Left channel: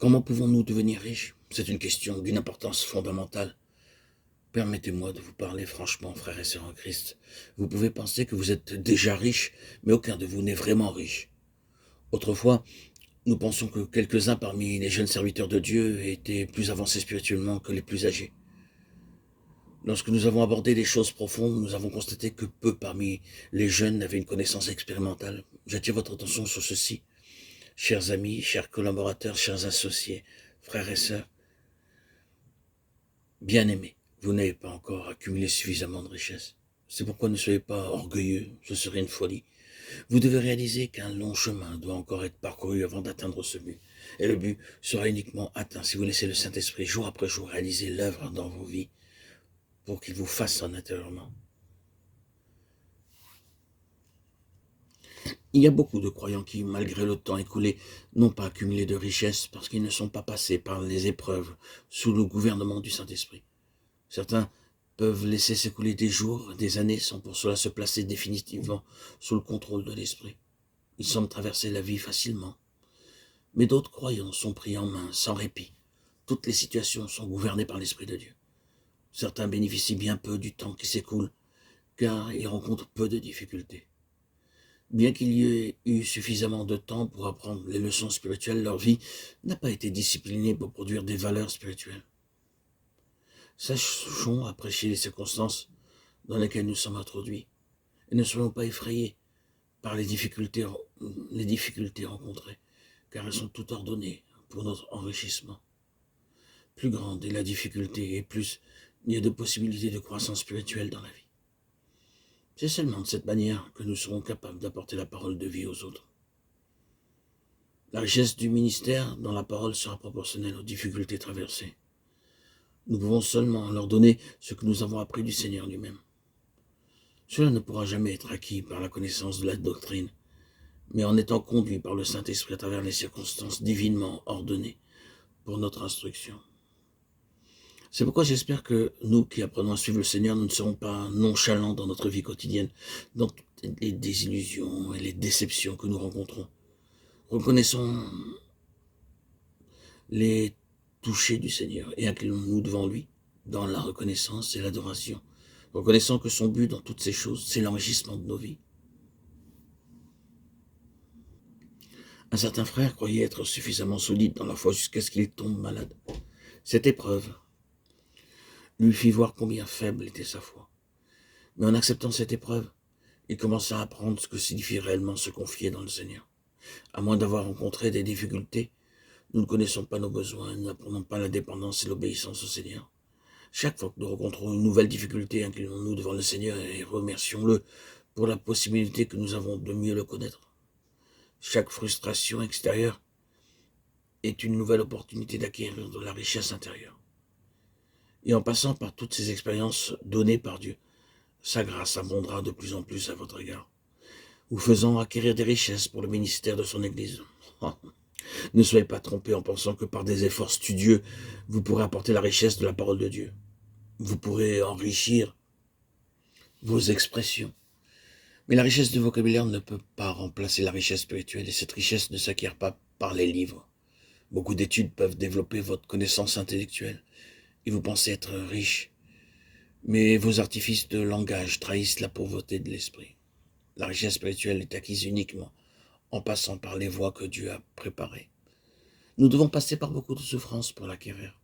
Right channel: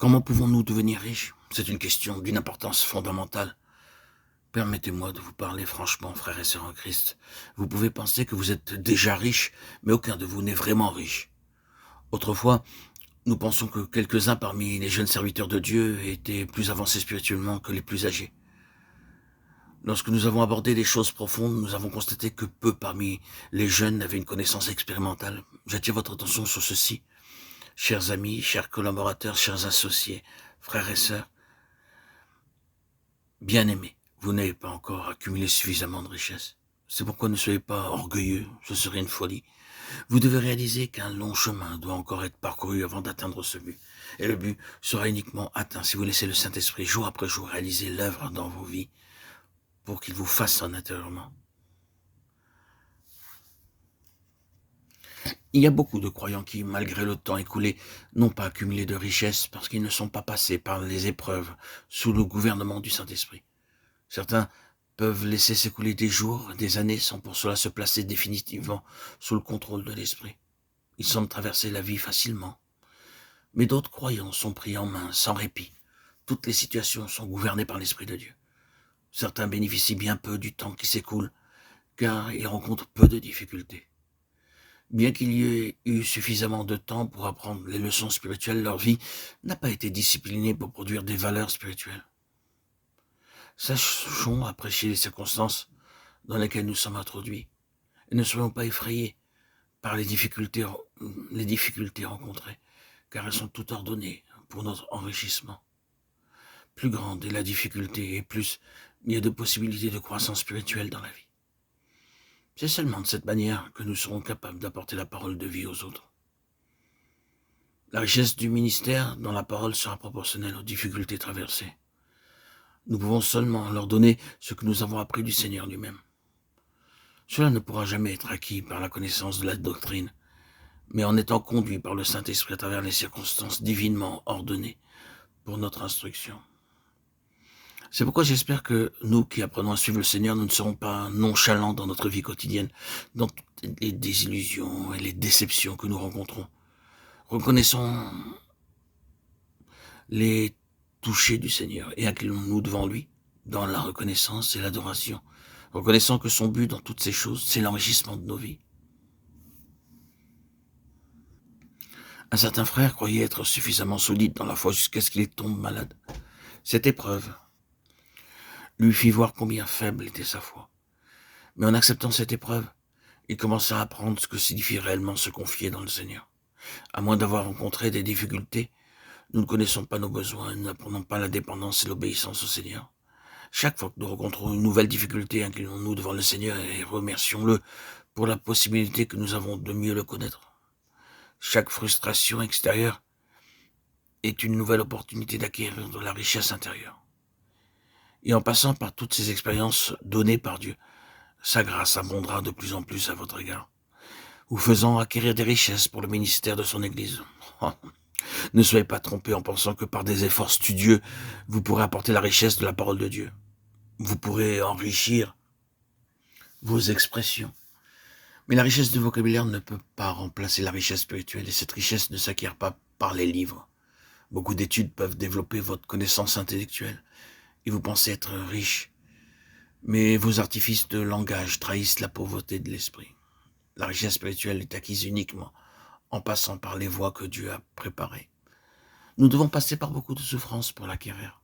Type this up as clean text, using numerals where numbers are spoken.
Comment pouvons-nous devenir riches? C'est une question d'une importance fondamentale. Permettez-moi de vous parler franchement, frères et sœurs en Christ. Vous pouvez penser que vous êtes déjà riche, mais aucun de vous n'est vraiment riche. Autrefois, nous pensons que quelques-uns parmi les jeunes serviteurs de Dieu étaient plus avancés spirituellement que les plus âgés. Lorsque nous avons abordé les choses profondes, nous avons constaté que peu parmi les jeunes avaient une connaissance expérimentale. J'attire votre attention sur ceci. Chers amis, chers collaborateurs, chers associés, frères et sœurs, bien-aimés, vous n'avez pas encore accumulé suffisamment de richesses. C'est pourquoi ne soyez pas orgueilleux, ce serait une folie. Vous devez réaliser qu'un long chemin doit encore être parcouru avant d'atteindre ce but. Et le but sera uniquement atteint si vous laissez le Saint-Esprit jour après jour réaliser l'œuvre dans vos vies pour qu'il vous façonne intérieurement. Il y a beaucoup de croyants qui, malgré le temps écoulé, n'ont pas accumulé de richesses parce qu'ils ne sont pas passés par les épreuves sous le gouvernement du Saint-Esprit. Certains peuvent laisser s'écouler des jours, des années, sans pour cela se placer définitivement sous le contrôle de l'Esprit. Ils semblent traverser la vie facilement. Mais d'autres croyants sont pris en main, sans répit. Toutes les situations sont gouvernées par l'Esprit de Dieu. Certains bénéficient bien peu du temps qui s'écoule, car ils rencontrent peu de difficultés. Bien qu'il y ait eu suffisamment de temps pour apprendre les leçons spirituelles, leur vie n'a pas été disciplinée pour produire des valeurs spirituelles. Sachons apprécier les circonstances dans lesquelles nous sommes introduits et ne soyons pas effrayés par les difficultés rencontrées, car elles sont toutes ordonnées pour notre enrichissement. Plus grande est la difficulté et plus il y a de possibilités de croissance spirituelle dans la vie. C'est seulement de cette manière que nous serons capables d'apporter la parole de vie aux autres. La richesse du ministère dans la parole sera proportionnelle aux difficultés traversées. Nous pouvons seulement leur donner ce que nous avons appris du Seigneur lui-même. Cela ne pourra jamais être acquis par la connaissance de la doctrine, mais en étant conduit par le Saint-Esprit à travers les circonstances divinement ordonnées pour notre instruction. C'est pourquoi j'espère que nous qui apprenons à suivre le Seigneur, nous ne serons pas nonchalants dans notre vie quotidienne, dans toutes les désillusions et les déceptions que nous rencontrons. Reconnaissons les touchés du Seigneur et inclinons-nous devant lui dans la reconnaissance et l'adoration, reconnaissant que son but dans toutes ces choses, c'est l'enrichissement de nos vies. Un certain frère croyait être suffisamment solide dans la foi jusqu'à ce qu'il tombe malade. Cette épreuve lui fit voir combien faible était sa foi. Mais en acceptant cette épreuve, il commença à apprendre ce que signifie réellement se confier dans le Seigneur. À moins d'avoir rencontré des difficultés, nous ne connaissons pas nos besoins, nous n'apprenons pas la dépendance et l'obéissance au Seigneur. Chaque fois que nous rencontrons une nouvelle difficulté, inclinons-nous devant le Seigneur et remercions-le pour la possibilité que nous avons de mieux le connaître. Chaque frustration extérieure est une nouvelle opportunité d'acquérir de la richesse intérieure. Et en passant par toutes ces expériences données par Dieu, sa grâce abondera de plus en plus à votre égard, vous faisant acquérir des richesses pour le ministère de son Église. Ne soyez pas trompés en pensant que par des efforts studieux, vous pourrez apporter la richesse de la parole de Dieu. Vous pourrez enrichir vos expressions. Mais la richesse de vocabulaire ne peut pas remplacer la richesse spirituelle et cette richesse ne s'acquiert pas par les livres. Beaucoup d'études peuvent développer votre connaissance intellectuelle et vous pensez être riche. Mais vos artifices de langage trahissent la pauvreté de l'esprit. La richesse spirituelle est acquise uniquement en passant par les voies que Dieu a préparées. Nous devons passer par beaucoup de souffrances pour l'acquérir.